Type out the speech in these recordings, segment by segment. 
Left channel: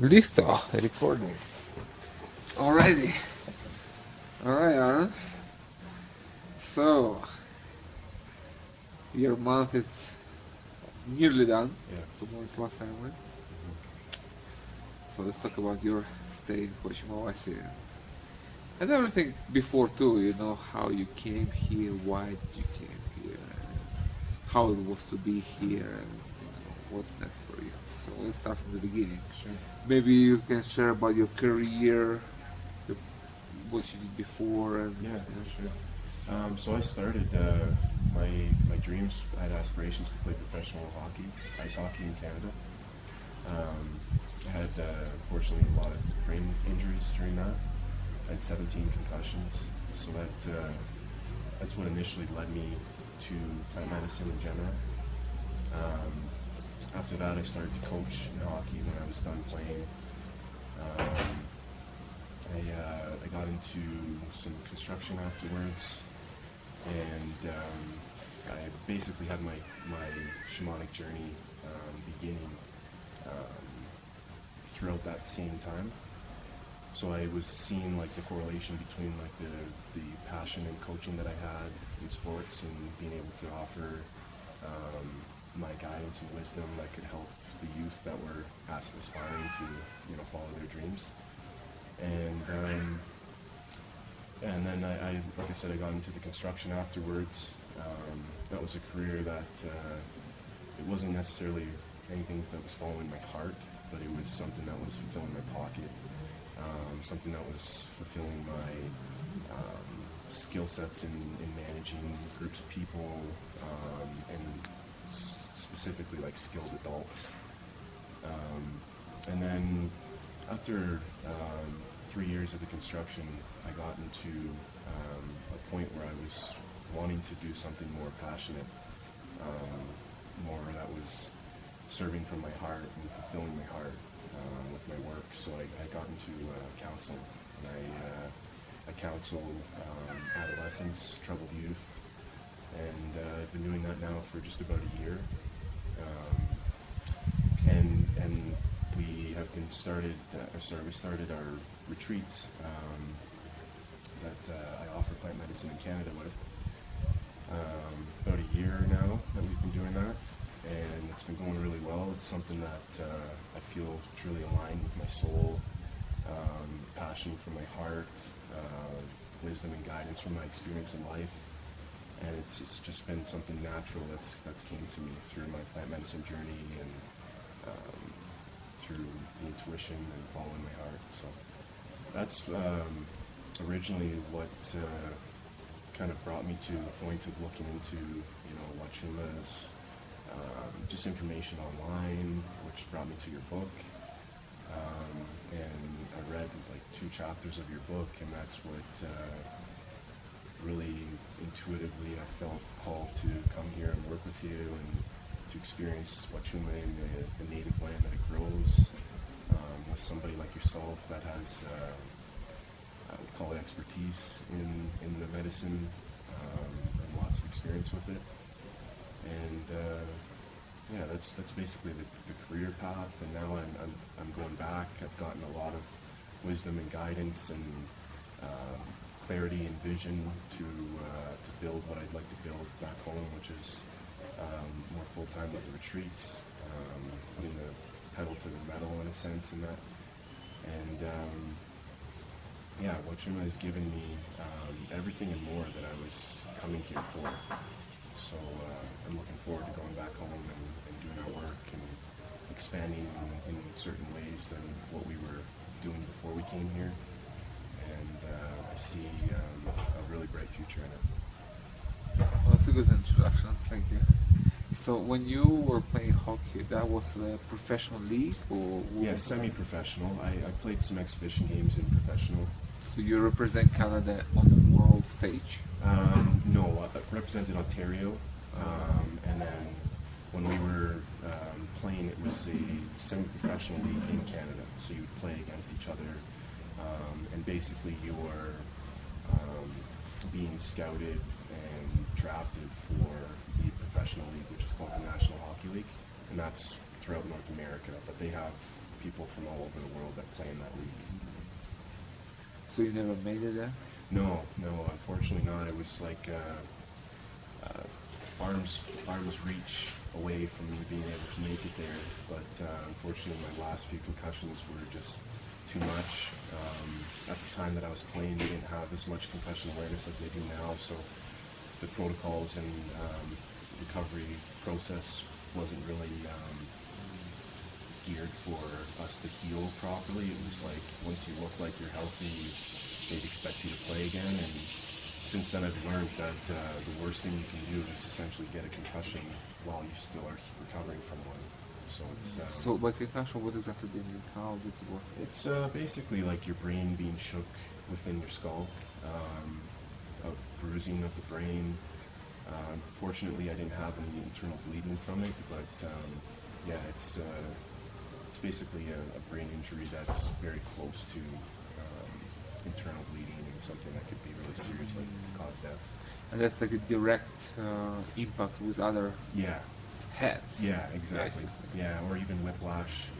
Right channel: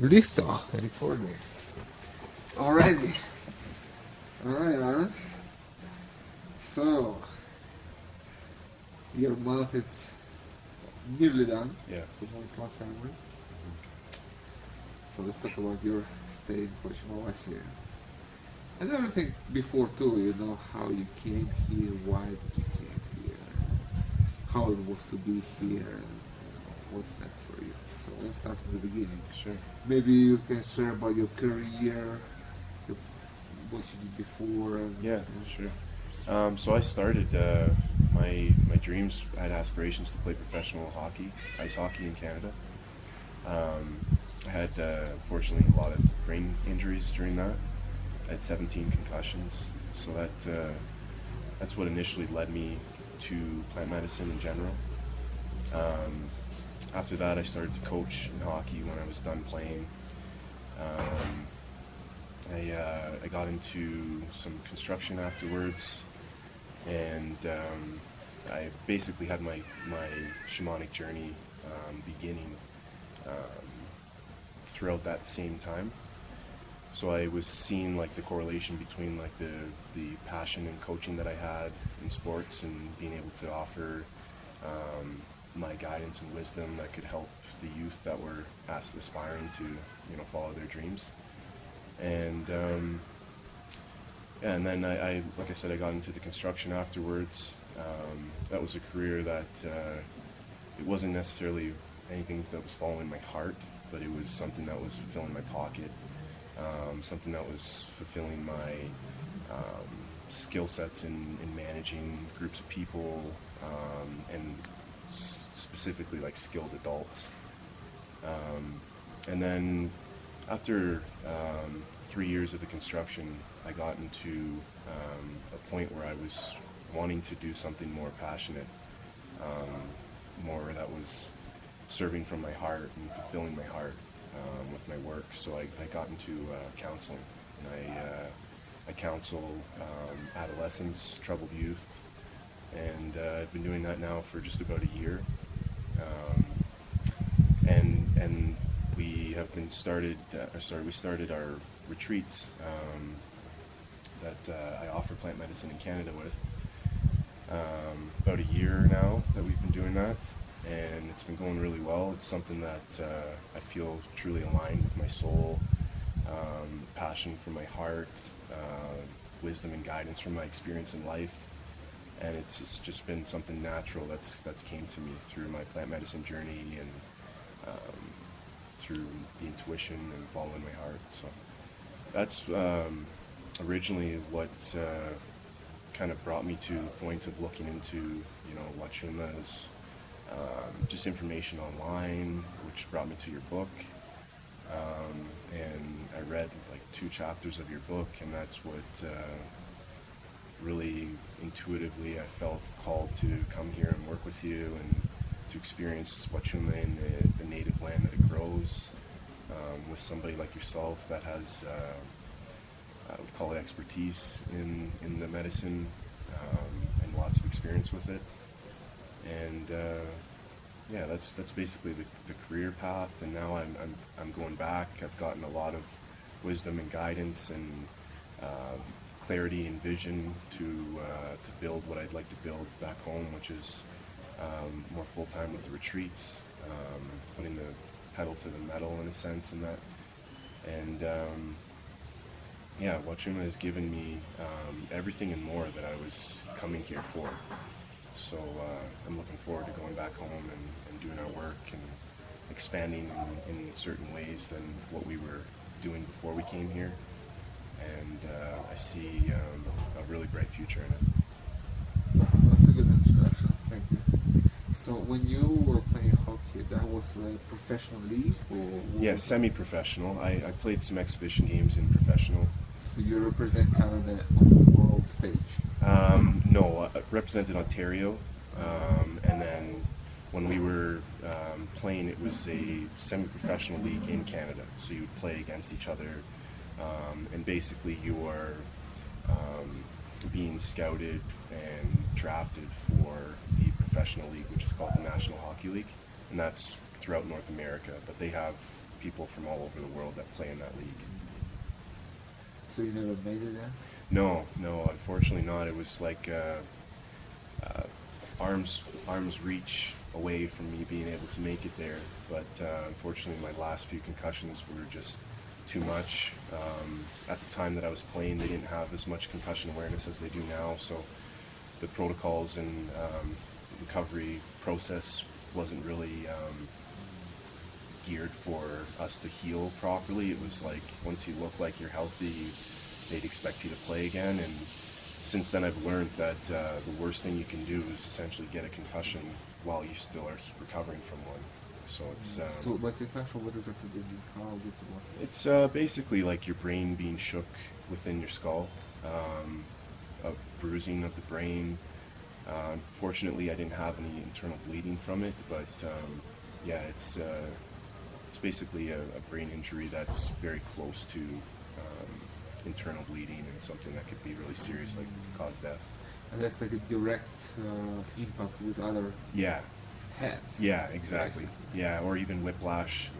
Listo, recording. Alrighty. Alright, Aaron. So, your month is nearly done. Yeah. Tomorrow is last time, right? So let's talk about your stay in Huachuma, Wasi. And everything before too, how you came here, why did you came here, how it was to be here, and what's next for you. So let's start from the beginning. Sure. Maybe you can share about your career, your, what you did before, and Yeah, sure. So I started my dreams. I had aspirations to play professional hockey, ice hockey in Canada. I had unfortunately a lot of brain injuries during that. I had 17 concussions, so that's what initially led me to plant medicine in general. After that, I started to coach in hockey when I was done playing. I got into some construction afterwards, and I basically had my shamanic journey beginning throughout that same time. So I was seeing like the correlation between like the passion and coaching that I had in sports and being able to offer my guidance and wisdom that could help the youth that were aspiring to follow their dreams. And and then I like I said, I got into the construction afterwards. That was a career that it wasn't necessarily anything that was following my heart, but it was something that was fulfilling my pocket, something that was fulfilling my skill sets in managing groups of people, and specifically like skilled adults. And then after 3 years of the construction, I got into a point where I was wanting to do something more passionate, more that was serving from my heart and fulfilling my heart with my work. So I got into counseling, and I counsel adolescents, troubled youth, and I've been doing that now for just about a year. And we have been we started our retreats that I offer plant medicine in Canada with. About a year now that we've been doing that, and it's been going really well. It's something that I feel truly aligned with my soul, passion from my heart, wisdom and guidance from my experience in life, and it's just been something natural that's came to me through my plant medicine journey and through the intuition and following my heart. So that's originally what kind of brought me to the point of looking into Huachuma's just information online, which brought me to your book. And I read like 2 chapters of your book, and that's what really intuitively I felt called to come here and work with you and to experience Huachuma in the native land that it grows, with somebody like yourself that has I would call it expertise in the medicine, and lots of experience with it. And yeah, that's basically the career path. And now I'm going back. I've gotten a lot of wisdom and guidance and clarity and vision to build what I'd like to build back home, which is more full time with the retreats, putting the pedal to the metal in a sense in that. And yeah, Huachuma has given me everything and more that I was coming here for. So I'm looking forward to going back home and doing our work and expanding in certain ways than what we were doing before we came here. And I see a really bright future in it. Well, that's a good introduction. Thank you. So when you were playing hockey, that was a professional league, or Yeah, semi-professional. I played some exhibition games in professional. So you represent Canada on the world stage? No, I represented Ontario, and then when we were playing, it was a semi-professional league in Canada. So you would play against each other, and basically you are being scouted and drafted for the professional league, which is called the National Hockey League, and that's throughout North America. But they have people from all over the world that play in that league. So you never made it there? No, unfortunately not. It was like arms reach away from me being able to make it there. But unfortunately, my last few concussions were just too much. At the time that I was playing, they didn't have as much concussion awareness as they do now. So the protocols and recovery process wasn't really geared for us to heal properly. It was like once you look like you're healthy, they'd expect you to play again. And since then I've learned that the worst thing you can do is essentially get a concussion while you still are recovering from one. So it's so by concussion, what exactly do you mean? How does it work? it's basically like your brain being shook within your skull, a bruising of the brain. Fortunately, I didn't have any internal bleeding from it, but yeah, it's basically a brain injury that's very close to internal bleeding and something that could be really serious, like cause death. And that's like a direct impact with other Yeah, heads. yeah, exactly. Basically. Yeah, or even whiplash,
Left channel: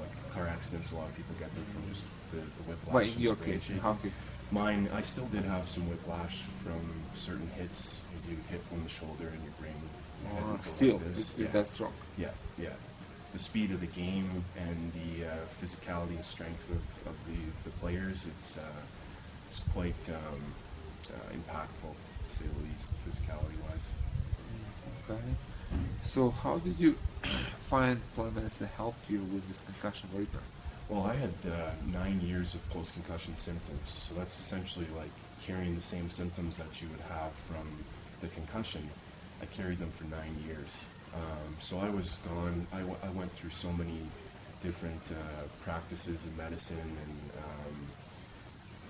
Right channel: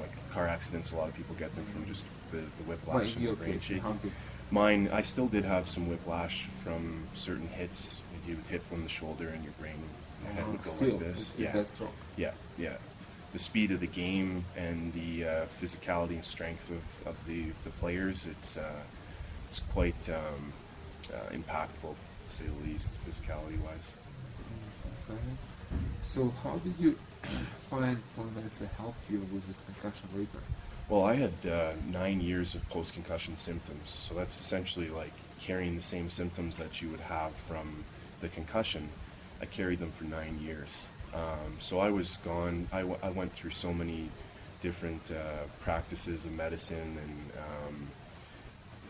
like car accidents. A lot of people get them from just the whiplash. But in and your the brain case, shaking. how did Mine, I still did have some whiplash from certain hits. You would hit from the shoulder and your brain, your head would go still, like this. is that strong? Yeah, yeah. The speed of the game and the physicality and strength of the players, it's quite impactful, to say the least, physicality-wise. Okay. So how did you find plant that helped you with this concussion later? Well, I had 9 years of post-concussion symptoms, so that's essentially like carrying the same symptoms that you would have from the concussion. I carried them for 9 years. So I was gone. I went through so many different practices of medicine and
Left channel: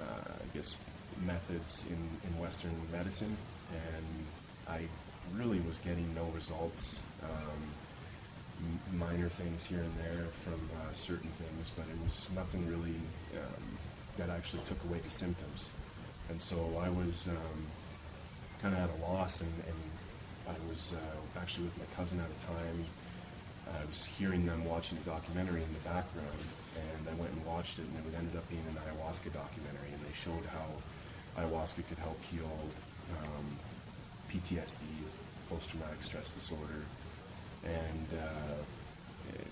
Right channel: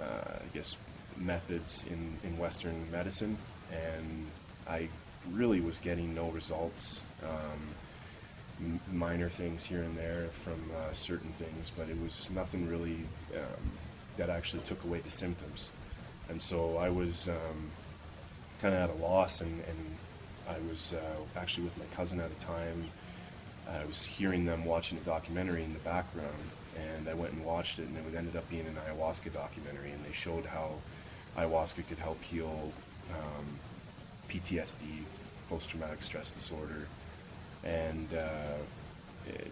I guess methods in Western medicine, and I really was getting no results. Minor things here and there from certain things, but it was nothing really that actually took away the symptoms. And so I was kind of at a loss, and I was actually with my cousin at a time. I was hearing them watching a documentary in the background, and I went and watched it, and it ended up being an ayahuasca documentary, and they showed how ayahuasca could help heal PTSD, post-traumatic stress disorder, and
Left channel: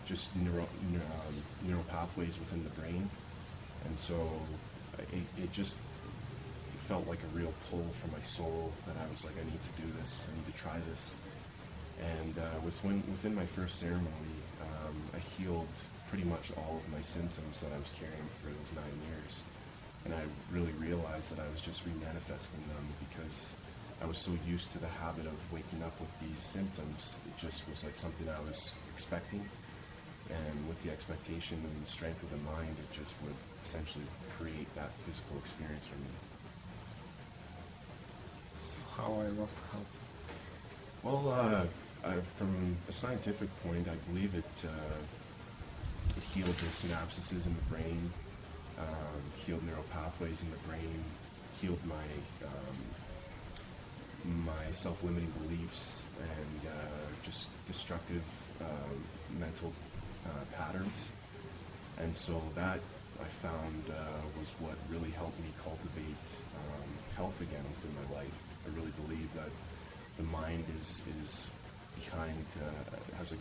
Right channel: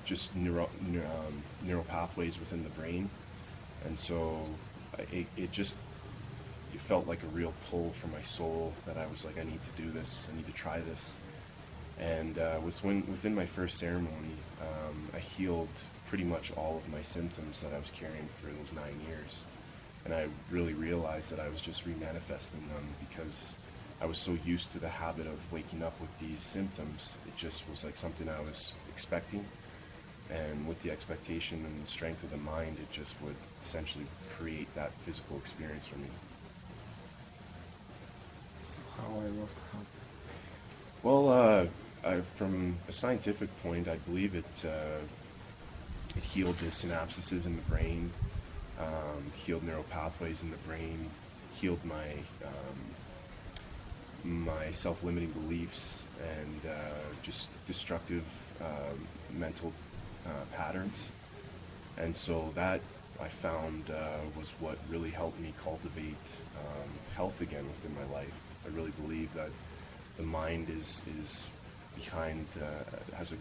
just neural pathways within the brain. And so it felt like a real pull from my soul that I was like, I need to do this, I need to try this. And within my first ceremony, I healed pretty much all of my symptoms that I was carrying for those 9 years. And I really realized that I was just remanifesting them because I was so used to the habit of waking up with these symptoms. It just was like something I was expecting. And with the expectation and the strength of the mind, it just would essentially create that physical experience for me. So how ayahuasca helped? Well, from a scientific point, I believe it healed the synapses in the brain, healed neural pathways in the brain, healed my self-limiting beliefs and just destructive mental patterns. And so that I found was what really helped me cultivate health again within my life. I really believe that the mind is behind, has a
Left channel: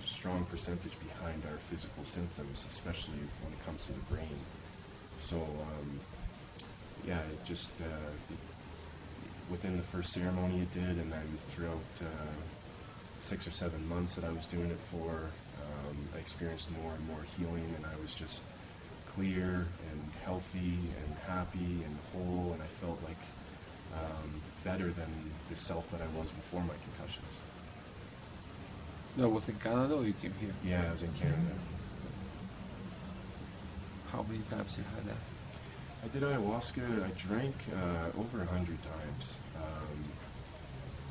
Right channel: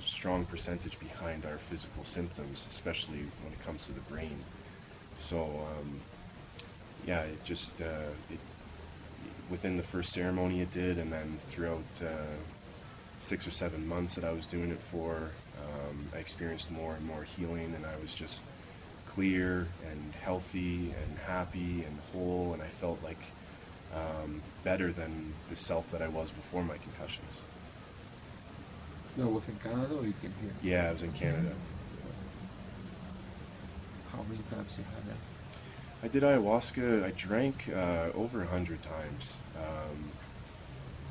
strong percentage behind our physical symptoms, especially when it comes to the brain. So yeah, it just within the first ceremony it did, and then throughout 6 or 7 months that I was doing it for, I experienced more and more healing, and I was just clear and healthy and happy and whole, and I felt like better than the self that I was before my concussions. So that was in Canada or you came here? Yeah, I was in Canada. How many times you had that? I did ayahuasca. I drank over 100 times.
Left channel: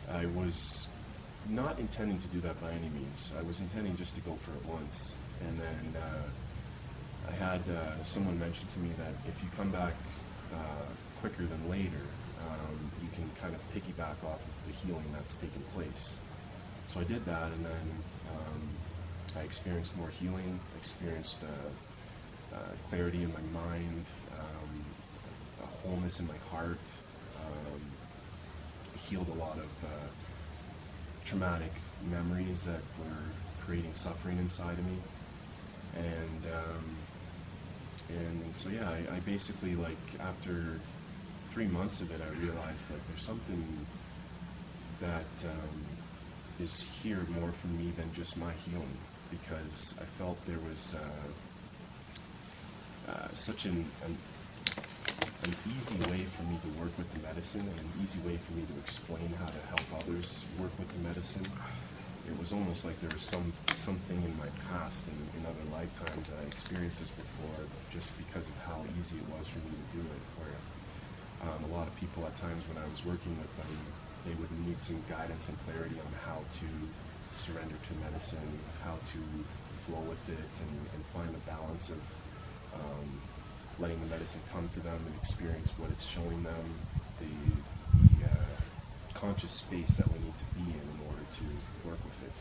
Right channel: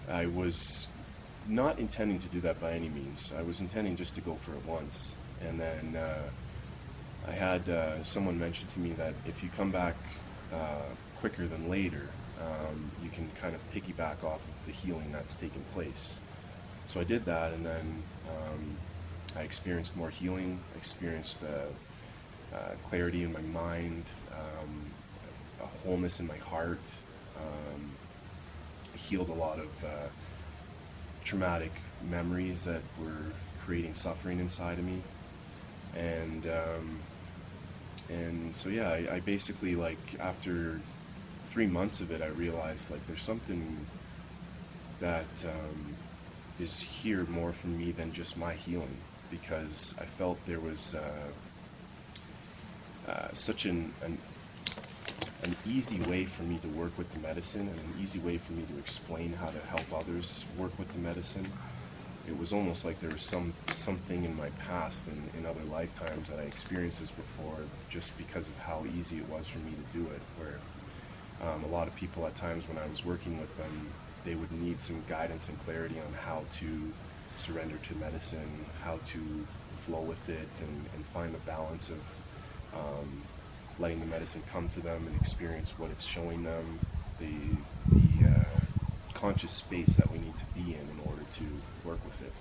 I was not intending to do that by any means. I was intending just to go for it once. And then I had someone mention to me that if you come back quicker than later, you can kind of piggyback off of the healing that's taken place. So I did that, and then I experienced more healing. I experienced clarity in my mind, a wholeness in my heart. Healed a lot of traumatic memories that were creating suffering inside of me, and so yeah, I basically, like, after 3 months of it, I realized, like, there's something that is here more for me than just my healing, because I felt there was such an easy way for me to work with the medicine, and an easy way for me to explain how to help others work with the medicine. It was almost like there was something in my past and in other lifetimes that I experienced this before, just because of how easy it was for me to do it, where a lot of people at times when I was working with them, they would need some guidance and clarity on how to surrender to medicine, how to flow with it, and find the balance of letting the medicine come to them and experience what it's showing them, the conscious space that we need to be in order to work with it.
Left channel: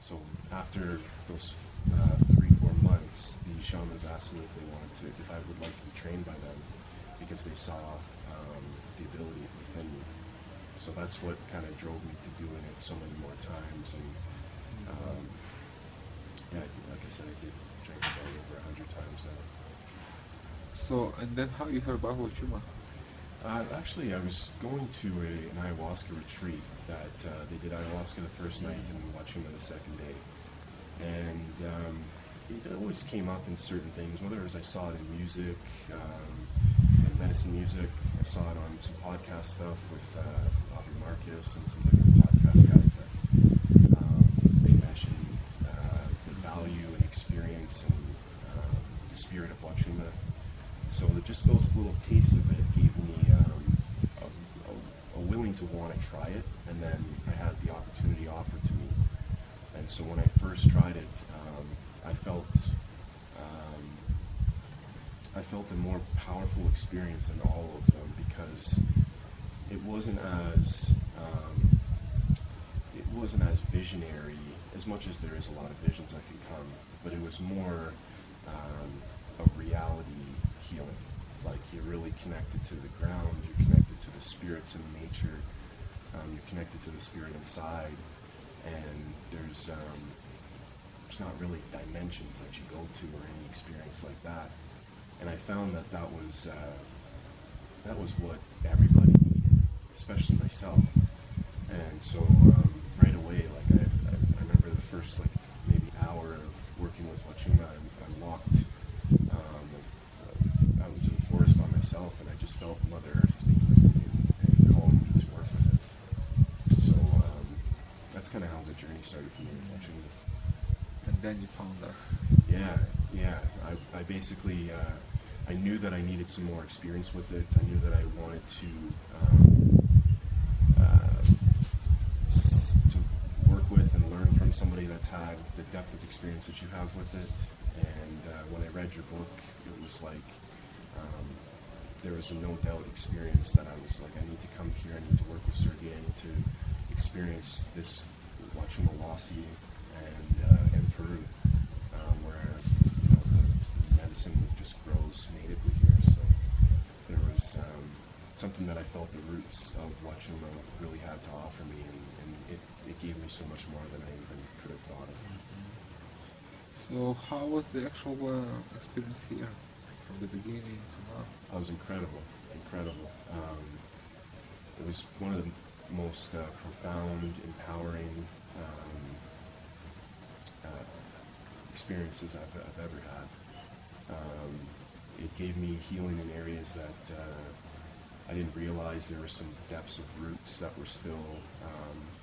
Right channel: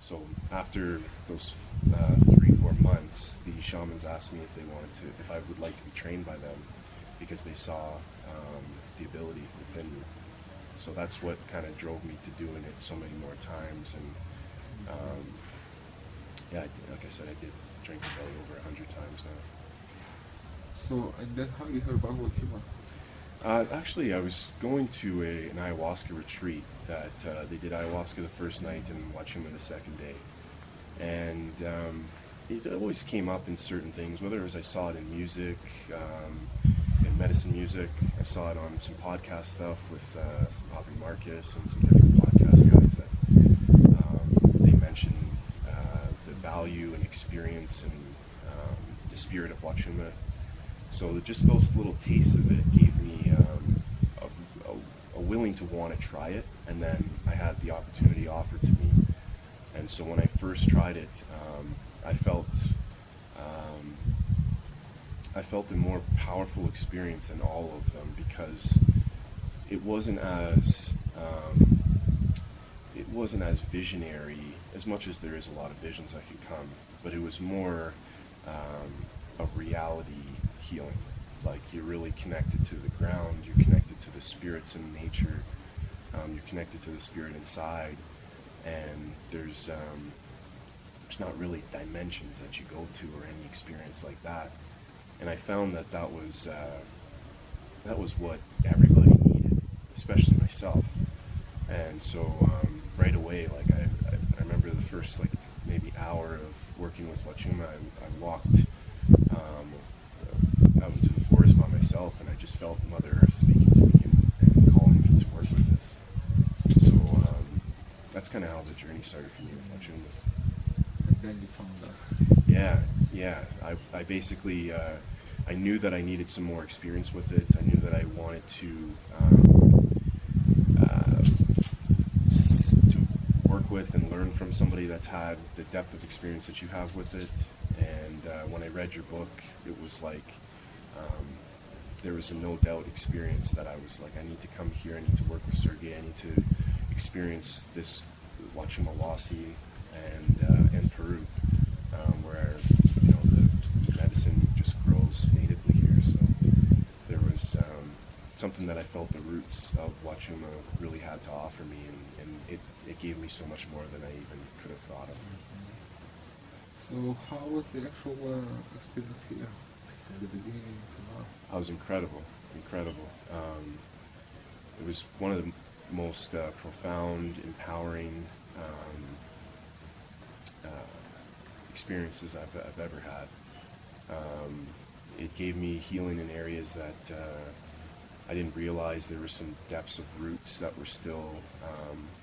So after those 3-4 months, the shamans asked me if I would like to be trained by them, because they saw the ability within me. So that's what kind of drove me to doing it so many more times. And yeah, like I said, I did drink about over 100 times now. So, and then how you heard about Huachuma? Actually, I was going to an ayahuasca retreat that they did ayahuasca the first night and Huachuma the second day. And it always came up in certain things, whether it was I saw it in music, in medicine music. I saw it on some podcast stuff with Bobby Marcus and some different podcast guys that they mentioned the value and experience and the spirit of Huachuma. So just those little tastes of it gave me a willing to want to try it, and then I had the opportunity offered to me. And so when I first tried it, I felt a more powerful experience than all of them, because it wasn't as visionary, as much as there is a lot of visions that can come, but it was more a reality healing. Like, you're really connected to the ground, you're connected to the spirits in nature, you're connected to the spirit inside, and there's not really dimensions that you go to or any experience like that. And I found that was what everybody needed, especially myself. And so right away, like I remember the first, like, maybe hour of working with Huachuma, I walked out into the forest by myself, and I just felt Mother Earth speaking to me and calling me to work with this. So that's kind of how the journey started for me with Huachuma. And then you found us. Yeah. I basically, I knew that I needed some more experience with it. I knew that I wanted to work with and learn from somebody that's had the depth of experience that you have with it. And when I read your book, it was like there was a no doubt experience that I was like, I need to come here, I need to work with Sergey, I need to experience this Huachuma Wasi and Peru, where the medicine just grows natively here. So there was something that I felt the roots of Huachuma really had to offer me, and it gave me so much more than I even could have thought of. So how was the actual experience here, from the beginning to now? It was incredible. It was one of the most profound, empowering experiences I've ever had. It gave me healing in areas that I didn't realize there were some depths of roots that were still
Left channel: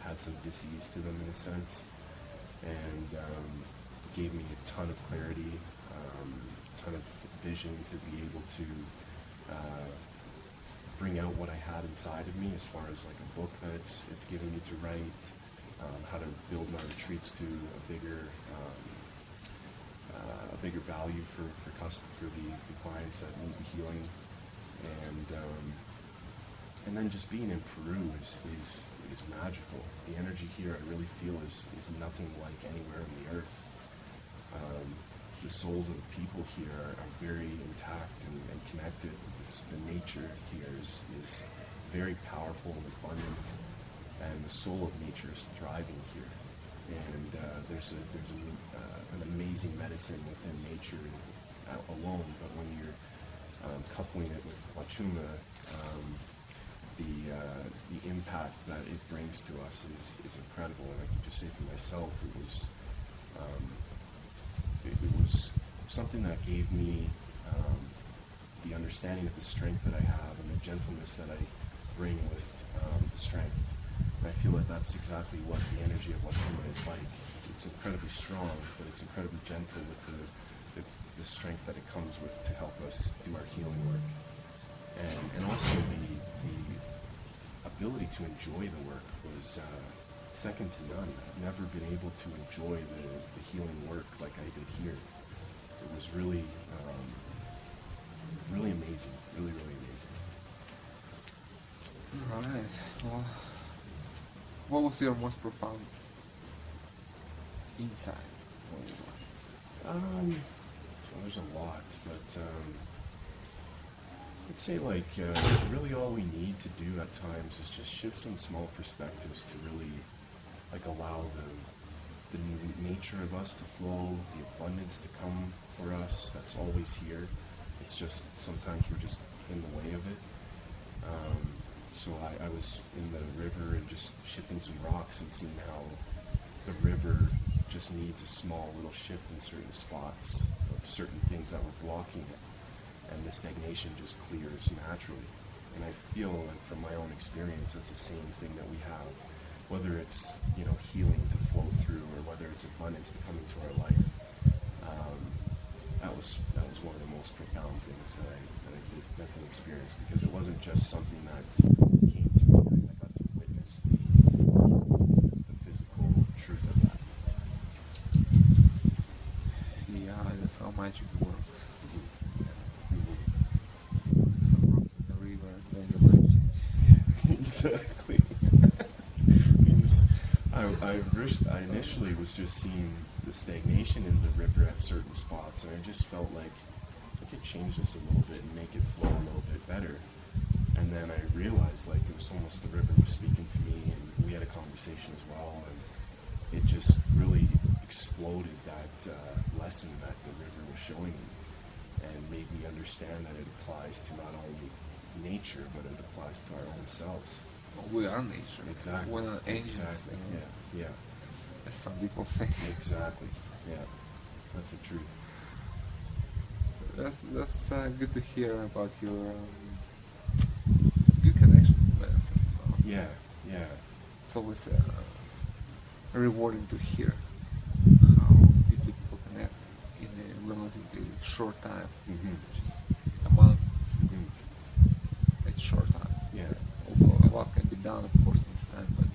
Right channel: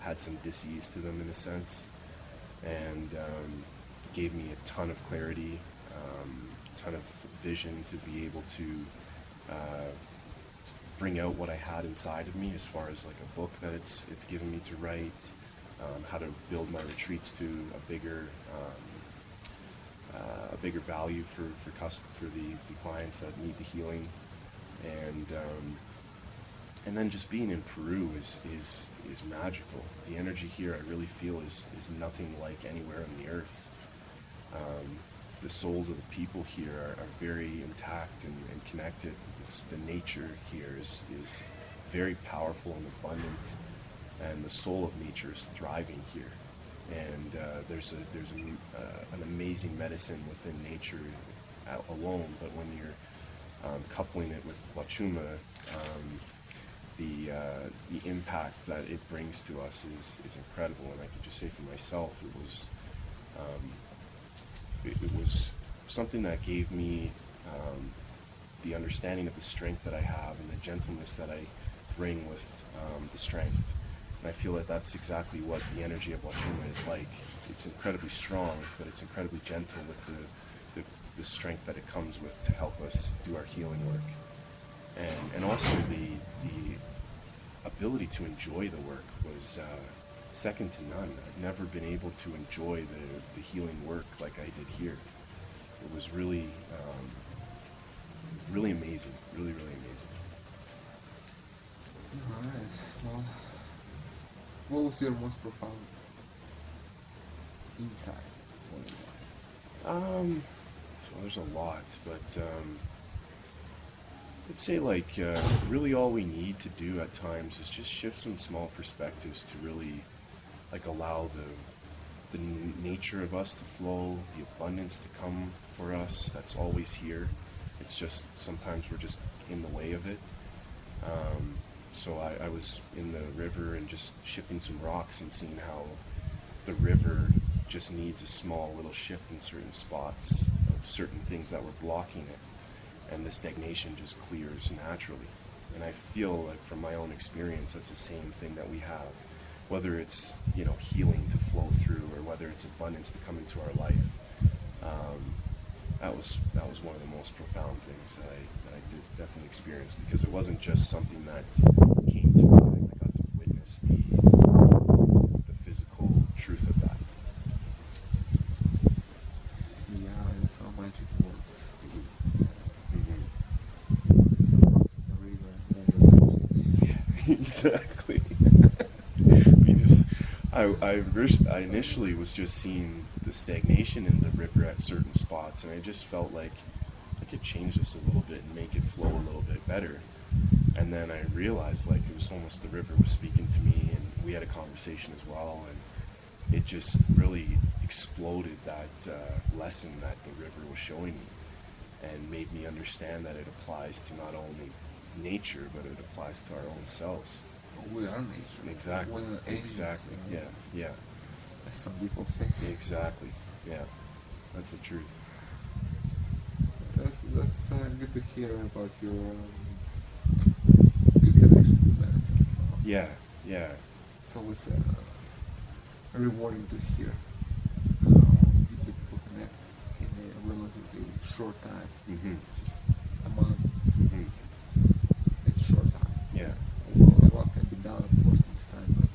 had some dis-ease to them, in a sense, and it gave me a ton of clarity, a ton of vision to be able to bring out what I had inside of me, as far as like a book that it's given me to write, how to build my retreats to a bigger value for the clients that need the healing, and then just being in Peru is magical. The energy here, I really feel, is nothing like anywhere on the earth. the souls of the people here are very intact and connected. The nature here is very powerful and abundant, and the soul of nature is thriving here. And there's an amazing medicine within nature alone, but when you're coupling it with Huachuma, the impact that it brings to us is incredible. And I can just say for myself, it was something that gave me the understanding of the strength that I have and the gentleness that I bring with the strength. And I feel that that's exactly what the energy of Huachuma is like. It's incredibly strong, but it's incredibly gentle with the strength that it comes with to help us do our healing work. And also the ability to enjoy the work was second to none. I've never been able to enjoy the healing work like I did here. It was really, really amazing, really, really amazing. All right. Well, what was your most profound insight? So there's a lot, but I'd say really all we need to do at times is just shift some small perspectives to really allow the nature of us to flow, the abundance to come for us. That's always here. It's just sometimes we're just in the way of it. So I was in the river and just shifting some rocks and seeing how the river just needs a small little shift in certain spots of certain things that were blocking it, and the stagnation just clears naturally. And I feel like from my own experience, that's the same thing that we have, whether it's healing to flow through or whether it's abundance to come into our life. That was one of the most profound things that I did definitely experience, because it wasn't just something that came to me. I got to witness the physical truth of that. Yeah, that's how magic works. Mm-hmm. Some rocks in the river and then the life changes. Exactly. I initially was just seeing the stagnation in the river at certain spots, and I just felt like I could change this a little bit and make it flow a little bit better. And then I realized it was almost the river was speaking to me, and we had a conversation as well, and it just really exploded that lesson that the river was showing me, and made me understand that it applies to not only nature, but it applies to our own selves. We are nature. Exactly. We're not aliens. Exactly. Yeah. As some people think. Exactly. Yeah. That's the truth. That's good to hear about your good connection with medicine. Yeah. It's always rewarding to hear how deeply people connect in a relatively short time, Mm-hmm. which is a month. Mm-hmm. It's short time. Yeah. Although a lot can be done, of course, in this time, but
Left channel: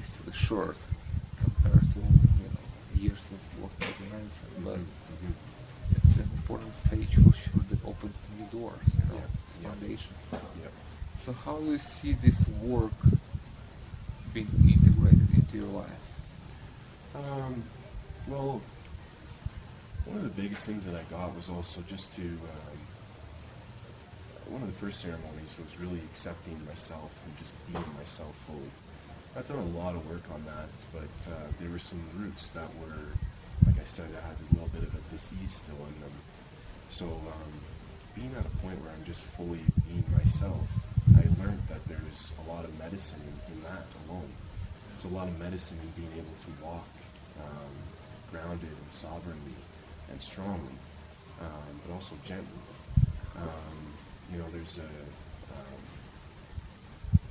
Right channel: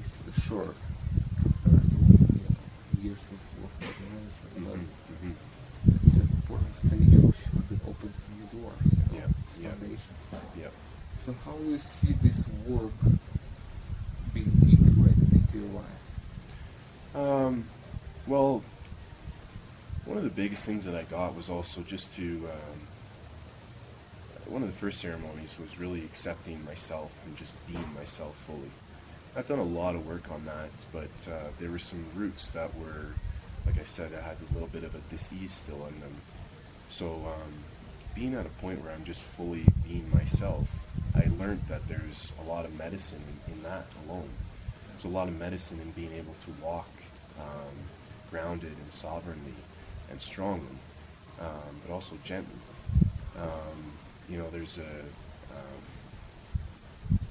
it's still short compared to years of working as a medicine. But Mm-hmm. it's an important stage for sure that opens new doors. Yeah. It's a Yeah. foundation. Yeah. So how do you see this work being integrated into your life? Well, one of the biggest things that I got was also just to one of the first ceremonies was really accepting myself and just being myself fully. I've done a lot of work on that, but there were some roots that were, like I said, I had a little bit of a dis-ease still in them. So being at a point where I'm just fully being myself, I learned that there's a lot of medicine in that alone. There's a lot of medicine in being able to walk grounded and sovereignly and strongly, but also gently. There's a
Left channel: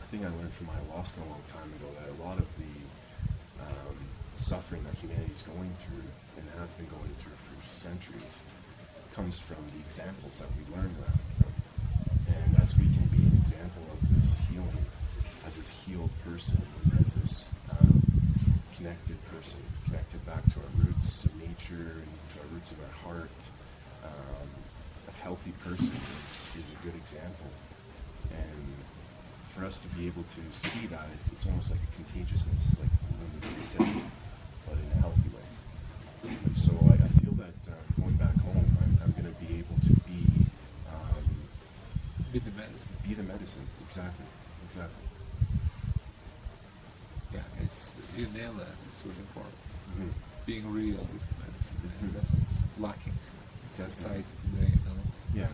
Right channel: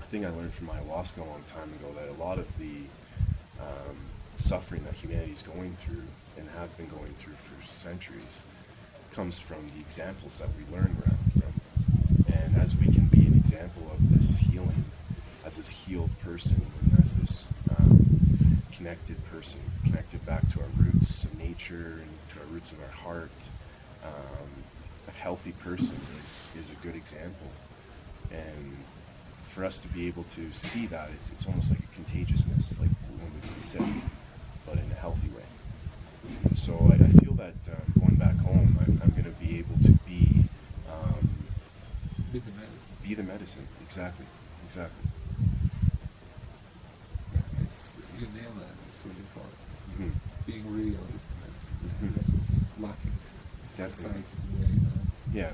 thing I learned from ayahuasca a long time ago, that a lot of the suffering that humanity is going through and have been going through for centuries comes from the examples that we learn around from. And as we can be an example of this healing, as this healed person, and as this connected person, connected back to our roots of nature and to our roots of our heart, a healthy person is a good example. And for us to be able to see that, it's almost like a contagiousness, like when we get sick, but in a healthy way. And so I feel that going back home, I'm going to be able to With the medicine. be the medicine. Exactly. Yeah, it's you nail that. It's really important. Hmm. Being real is the medicine. Mhm. And that's what's lacking in Definitely. society today. You know, Yeah.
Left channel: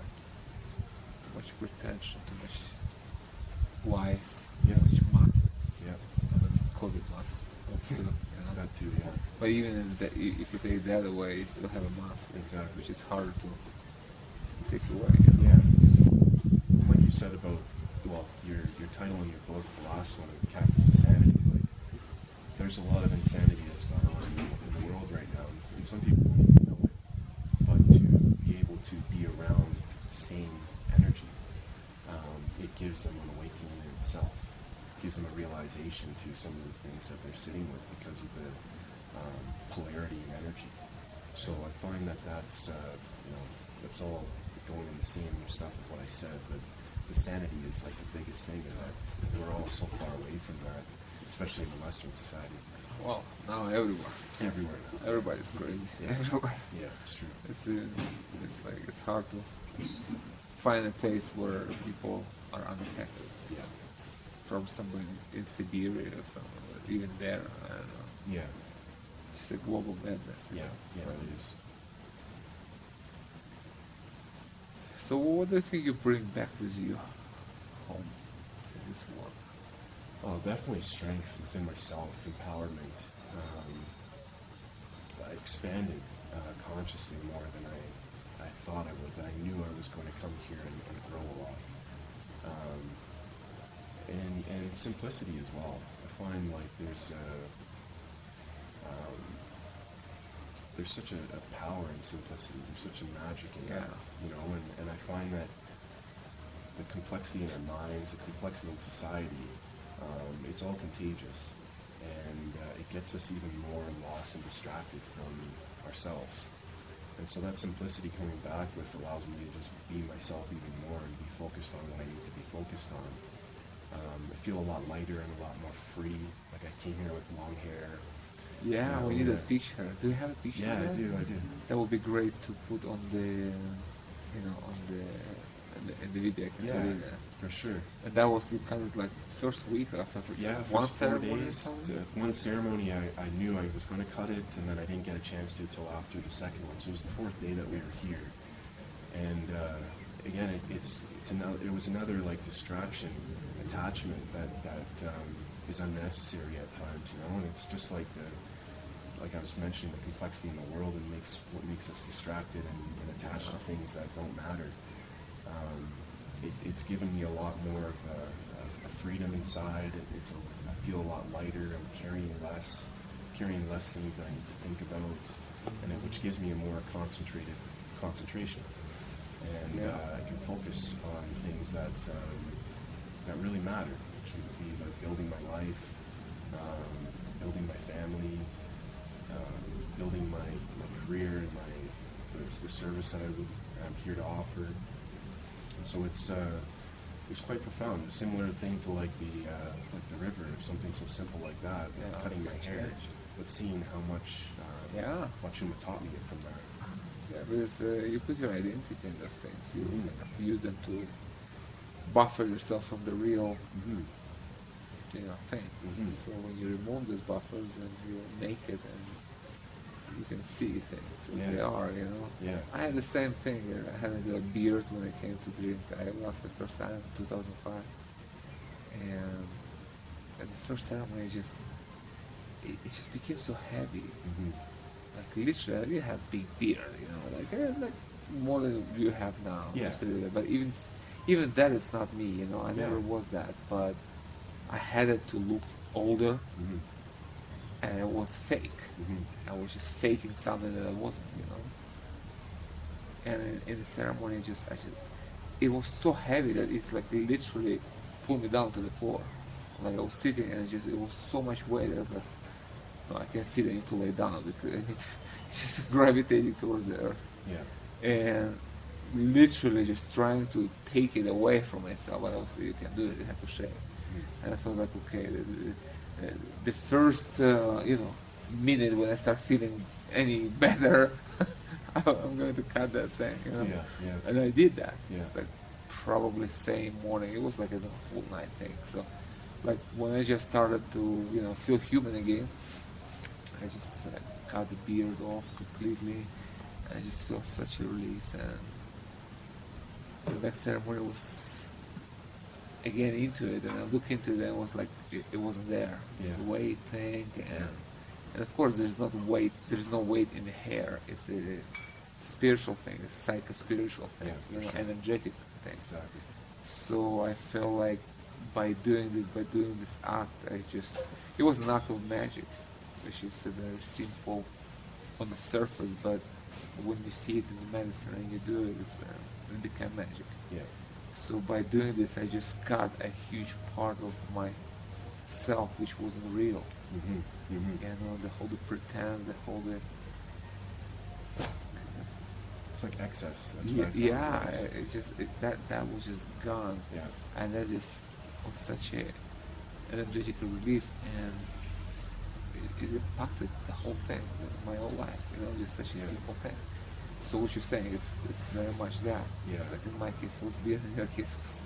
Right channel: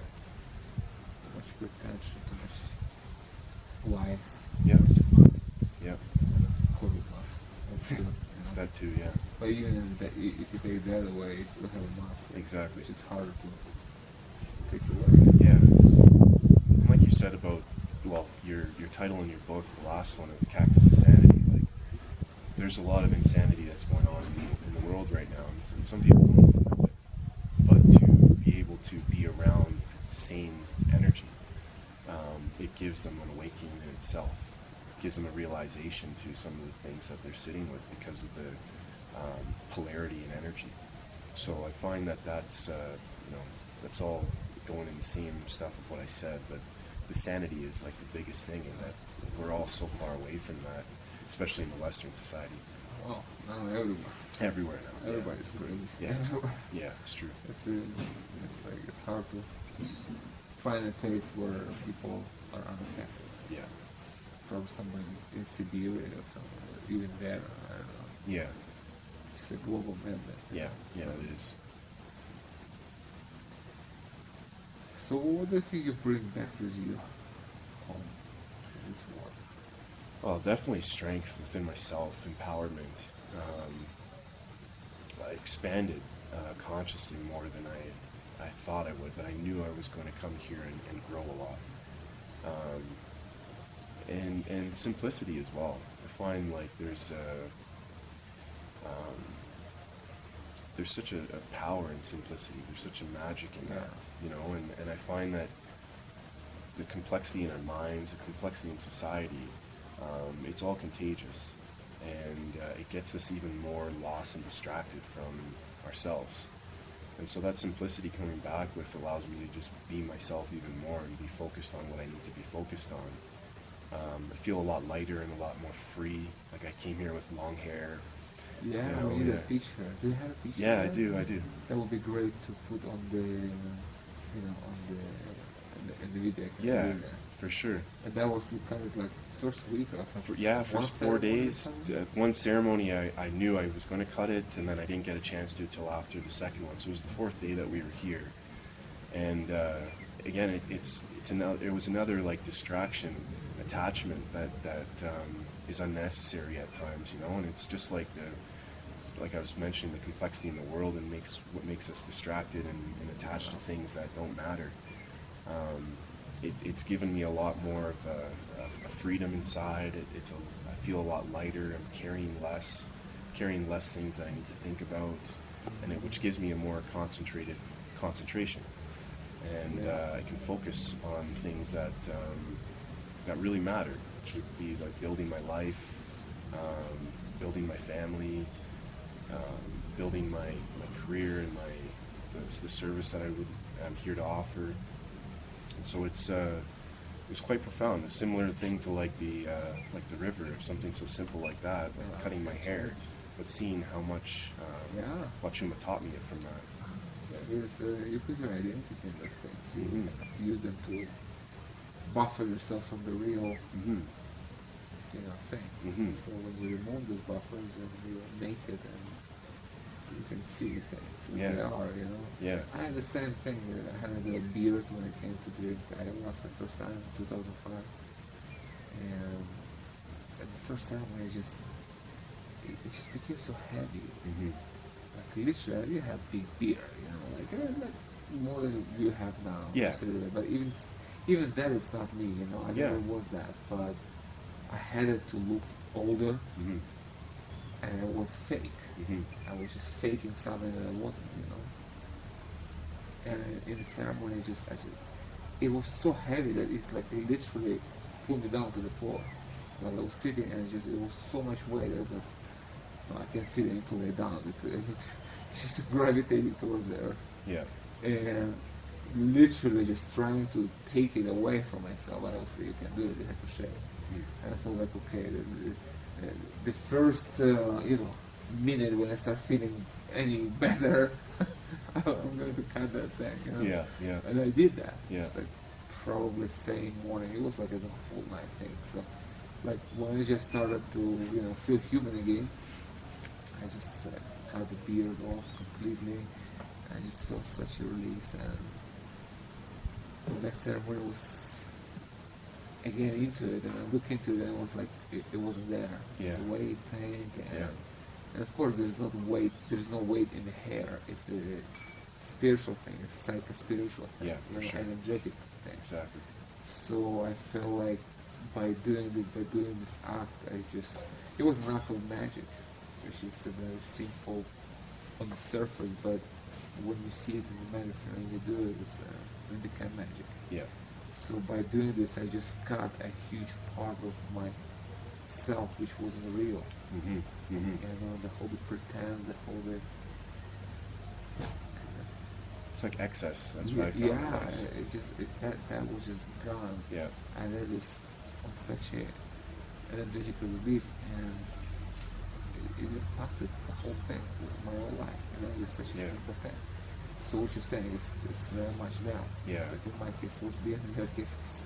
too much pretension, too much lies, Yeah. too much masks. Yeah. You know, the COVID masks. That's too, you know. That too. Yeah. But even if you take that away, you still have a mask. Exactly. Which is harder to take away. You know? Yeah. So, And like you said about, well, your title in your book, the last one, of Cactus Insanity, like, there's a lot of insanity that's going on in the world right now, and some people don't even know it. But to be able to be around sane energy, it gives them an awakening in itself. It gives them a realization to some of the things that they're sitting with because of the polarity in energy. So I find that that's that's all going in the same stuff of what I said, but the sanity is like the biggest thing, and that we're all so far away from that, especially in the Western society. well, now everywhere. Everywhere now. Everybody's crazy. Yeah. Everywhere. Yeah, it's true. It's like it's hard to find a place where people are unaffected. Yeah. It's probably somewhere in Siberia or somewhere, but even there, I don't know. Yeah. It's just a global madness. you Yeah. know, Yeah, so- it is. So what do you think you bring back with you home from this war? Well, definitely strength within myself, empowerment. I expanded consciously more than I thought I would, but I knew I was going to come here and grow a lot. And simplicity as well. I find like there's such a power in simplicity. There's such a magic in that, you know, and I find that the complexity in our minds, the complexity in society, it's all contagious, and it gets us even more lost and distracted from ourselves. And so that simplicity coming back with allows me to just be myself even more and be focused on what I need to be focused on. I feel a lot lighter and a lot more free. Like I came here with long hair. Yeah, You know, we need a yeah. picture. Do you have a picture? Yeah, of I that? do. I do. That would be great to put on the, in the video. I can Yeah, read that. for sure. And that was the kind of like first week after. Yeah, one first 4 ceremony or days. something? One ceremony, I knew I was going to cut it, and then I didn't get a chance to till after the second one. So it was the fourth day that we were here, and again, it was another like distraction, attachment that is unnecessary at times, you know. And it's just like I was mentioning, the complexity in the world and what makes us distracted and attached to things that don't matter. It's given me a lot more of a freedom inside. I feel a lot lighter. I'm carrying less things that I need to think about, which gives me a more concentrated concentration, and I can focus on things that really matter, which would be like building my life, building my family, building my career and the service that I'm here to offer. And so it was quite profound. A similar thing to like the river, something so simple like that, like cutting my hair, but seeing how much Huachuma taught me from that. Yeah, because you put your identity in those things. You Mhm. kind of use them to buffer yourself from the real, Mm-hmm. things. Mhm. So when you remove those buffers, then you're naked and you can see things as Yeah. they are. Yeah. I had the same thing. I had a beard when I came to drink ayahuasca the first time, 2005, and at the first ceremony, it just became so heavy. Mm-hmm. Like literally, I didn't have big beard, like more than you have now. Yeah. Just a little bit. But even that, it's not me. I Yeah. never was that. But I had it to look older, Mm-hmm. and it was fake. Mm-hmm. I was just faking something that I wasn't. And in the ceremony, it was so heavy that it's like literally pulled me down to the floor. Like I was sitting, and it was so much weight. I was like, no, I can't sit. I need to lay down because I need to. It's just gravitating towards the earth, Yeah. and literally just trying to take it away from myself. But obviously, you can do it. You have to shake. And I thought, like, okay, the first minute when I start feeling any better, I'm going to cut that thing, you know. Yeah, yeah. And I did that. Yeah. It's like probably same morning. It was like a whole night thing. So, like when I just started to, feel human again, I just cut the beard off completely. I just felt such a release, and the next ceremony was again into it, and I looked into it, and it was like it wasn't there. It's a Yeah. weight thing, and Yeah. and of course there's not weight. There's no weight in the hair. It's a spiritual thing. It's psycho-spiritual thing. Yeah, for sure. Energetic thing. Exactly. So I felt like by doing this act, it was an act of magic, which is a very simple on the surface, but when you see it in the medicine and you do it, it became magic. Yeah. So by doing this, I just cut a huge part of myself, which wasn't real. Mm-hmm. Mm-hmm. The whole pretend, the whole It's like excess. That's what I found. yeah, it was. it's just that was just gone. Yeah. And that just was such a energetic relief, and it impacted the whole thing, my whole life. Just such a Yeah. simple thing. So what you're saying, it's very much that. Yeah. It's like in my case it was beard, in your case it was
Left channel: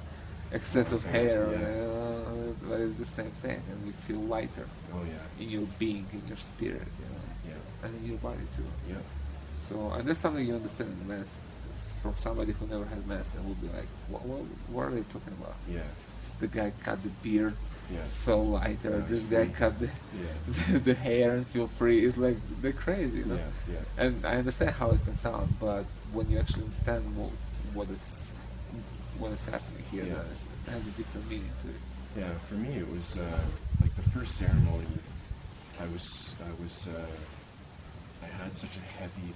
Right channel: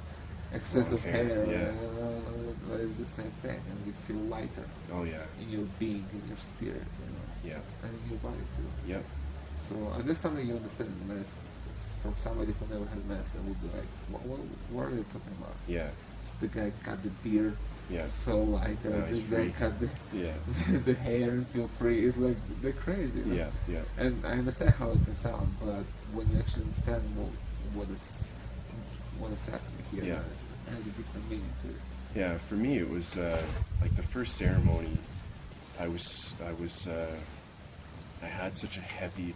excess of Okay, hair, yeah. but it's the same thing, and you feel lighter Oh yeah. in your being, in your spirit, Yeah. and in your body too. Yeah. So, and that's something you understand in medicine. Just from somebody who never had medicine would be like, what are they talking about? Yeah. It's the guy cut the beard, Yeah. felt lighter. Now This he's guy free. cut the, Yeah. the hair and feel free. It's like they're crazy. Yeah. Yeah. And I understand how it can sound, but when you actually understand what is happening here, Yeah. then it has a different meaning to it. Yeah, for me it was like the first ceremony. I had such a heavy